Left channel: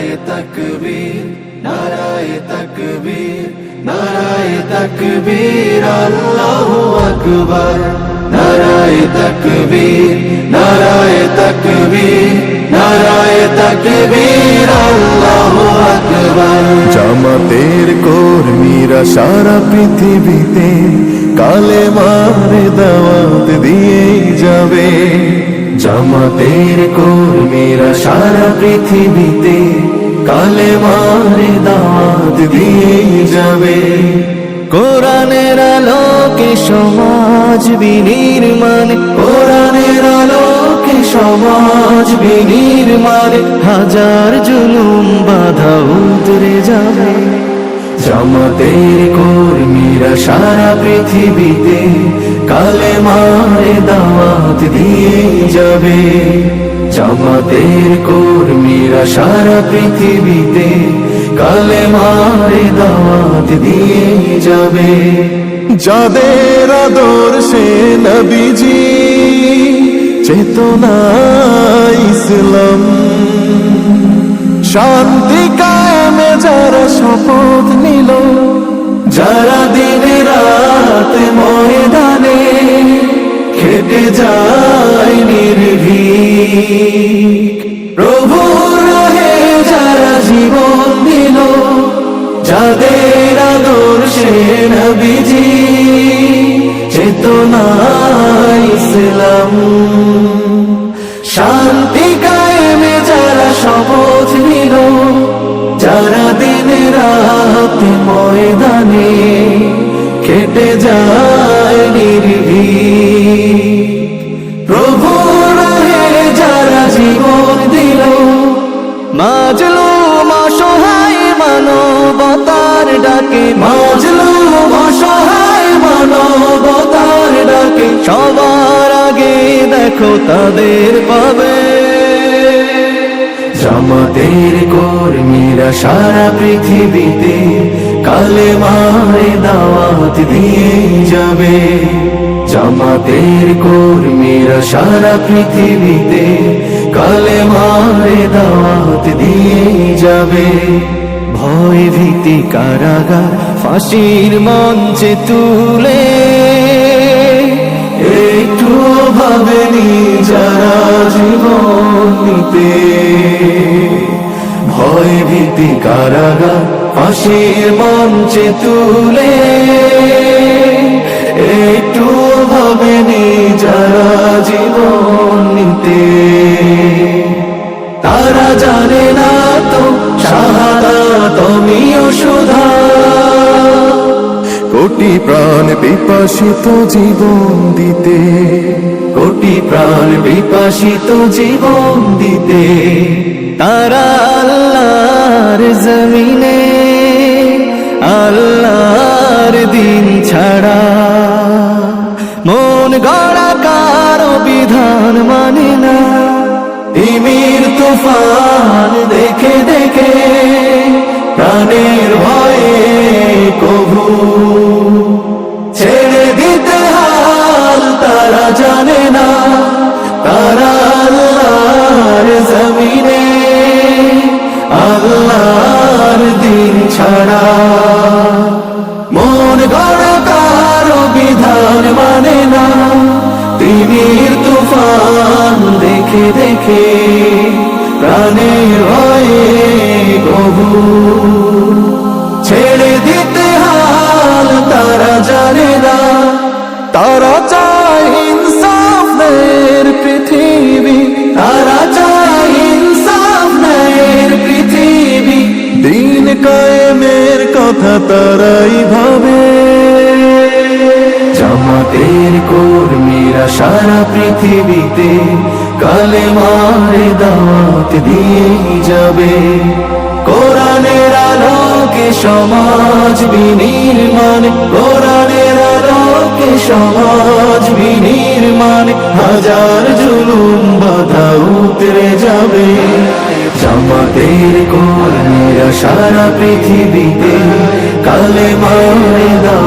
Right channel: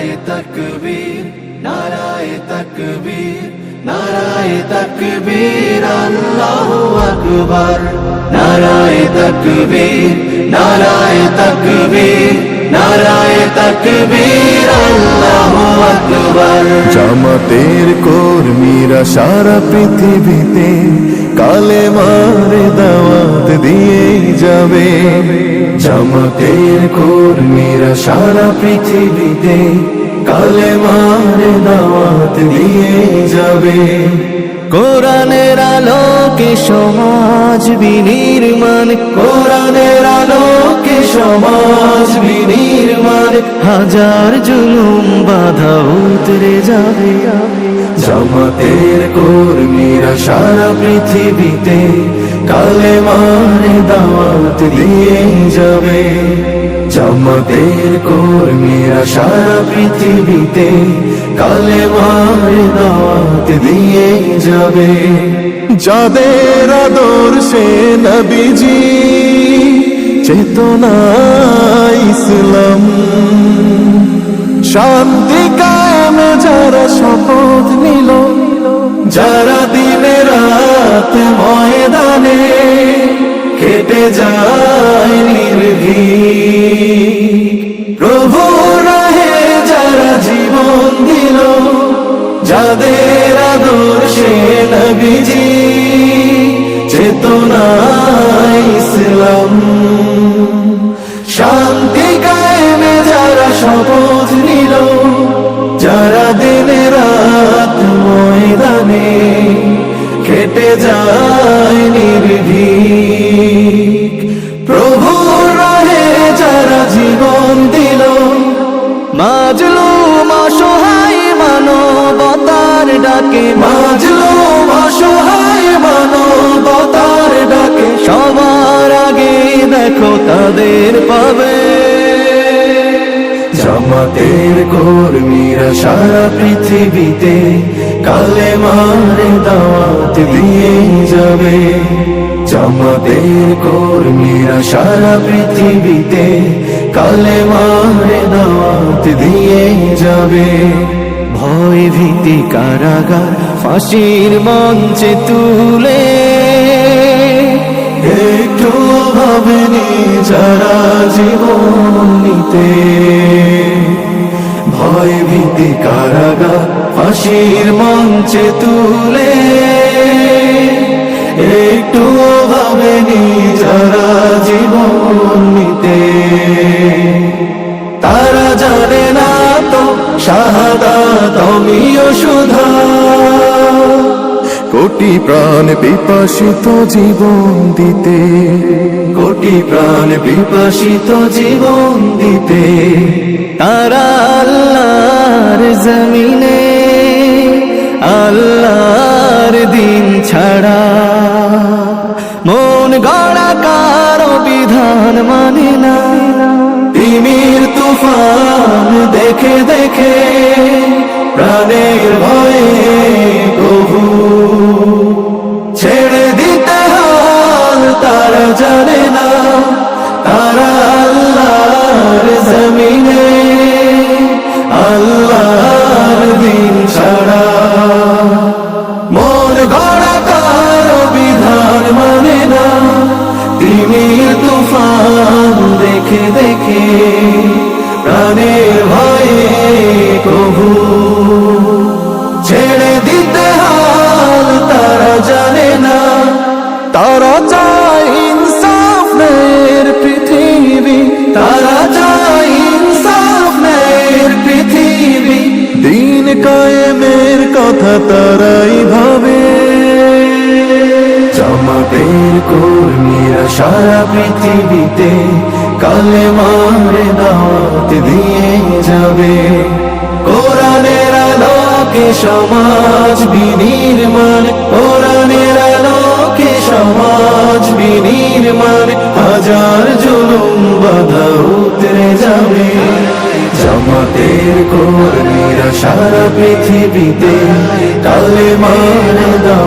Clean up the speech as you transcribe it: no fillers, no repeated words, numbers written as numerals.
নারায়ে তাকবীর, নারায়ে তাকবীর, নারায়ে তাকবীর, আল্লাহু আকবার। নারায়ে তাকবীর, নারায়ে তাকবীর, নারায়ে তাকবীর, আল্লাহু আকবার। জামাতের কর্মীরা সারা পৃথিবীতে কালেমার দাওয়াত দিয়েই যাবে। জামাতের কর্মীরা সারা পৃথিবীতে কালেমার দাওয়াত দিয়েই যাবে। কোরআনের আলোকে সমাজ বিনির্মাণ, কোরআনের আলোকে সমাজ বিনির্মাণ, হাজার জুলুম বাধা উতরে যাবে। জামাতের কর্মীরা সারা পৃথিবীতে কালেমার দাওয়াত দিয়েই যাবে। জামাতের কর্মীরা সারা পৃথিবীতে কালেমার দাওয়াত দিয়েই যাবে। যাদের আদর্শে নবীজি চেতনা ইসলাম, শান্তি কায়েমে যারা শপথ নিল, যারা দিনে রাত ময়দানে খেটে যায় নির্ভীক, প্রভু রাহে যারা জীবন দিল, যাদের আদর্শে নবীজি চেতনা ইসলাম, শান্তি কায়েমে যারা শপথ নিল, যারা দিনে রাত ময়দানে খেটে যায় নির্ভীক, প্রভু রাহে যারা জীবন দিল, মাজলুম অসহায় মানবতার ডাকে, মাজলুম অসহায় মানবতার ডাকে, সবার আগে দেখো তাদের পাবে। জামাতের কর্মীরা সারা পৃথিবীতে কালেমার দাওয়াত দিয়েই যাবে। জামাতের কর্মীরা সারা পৃথিবীতে কালেমার দাওয়াত দিয়েই যাবে। ভয় ভীতি কারাগার ফাঁসির মঞ্চে তুলে, একটু ভাবেনি যারা জীবন নিতে, ভয় ভীতি কারাগার ফাঁসির মঞ্চে তুলে, একটু ভাবেনি যারা জীবন নিতে। তারা জানে না তো শাহাদাত আমিও সুধা, কোটি প্রাণ পিপাসিত জীবন দিতে, কোটি প্রাণ বিপাসিত জীবন দিতে। তারা আল্লাহর জমিনে আল্লাহর দিন ছাড়া মন গড়া কারো বিধান মানে না। তিমির তুফান দেখে দেখে প্রাণের ভয়ে প্রভু ছেড়ে দিতে হাল তারা জানে না। তারা আল্লাহর জমিনে আল্লাহর দিন ছাড়া মন গড়া কারো বিধান মানে না। তিমির তুফান দেখে দেখে প্রাণের ভয়ে প্রভু ছেড়ে দিতে হাল তারা জানে না। তারা চায় ইনসাফ ন্যায়ের পৃথিবী, তারা চায় ইনসাফ ন্যায়ের পৃথিবী, দিন কায়েমের কথা তারাই ভাবে। জামাতের কর্মীরা সারা পৃথিবীতে কালেমার দাওয়াত দিয়ে যাবে। কোরআনের আলোকে সমাজ বিনির্মাণ, কোরআনের আলোকে সমাজ বিনির্মাণ, হাজার জুলুম বাধা উতরে যাবে। জামাতের কর্মীরা সারা পৃথিবীতে কালেমার দাওয়াত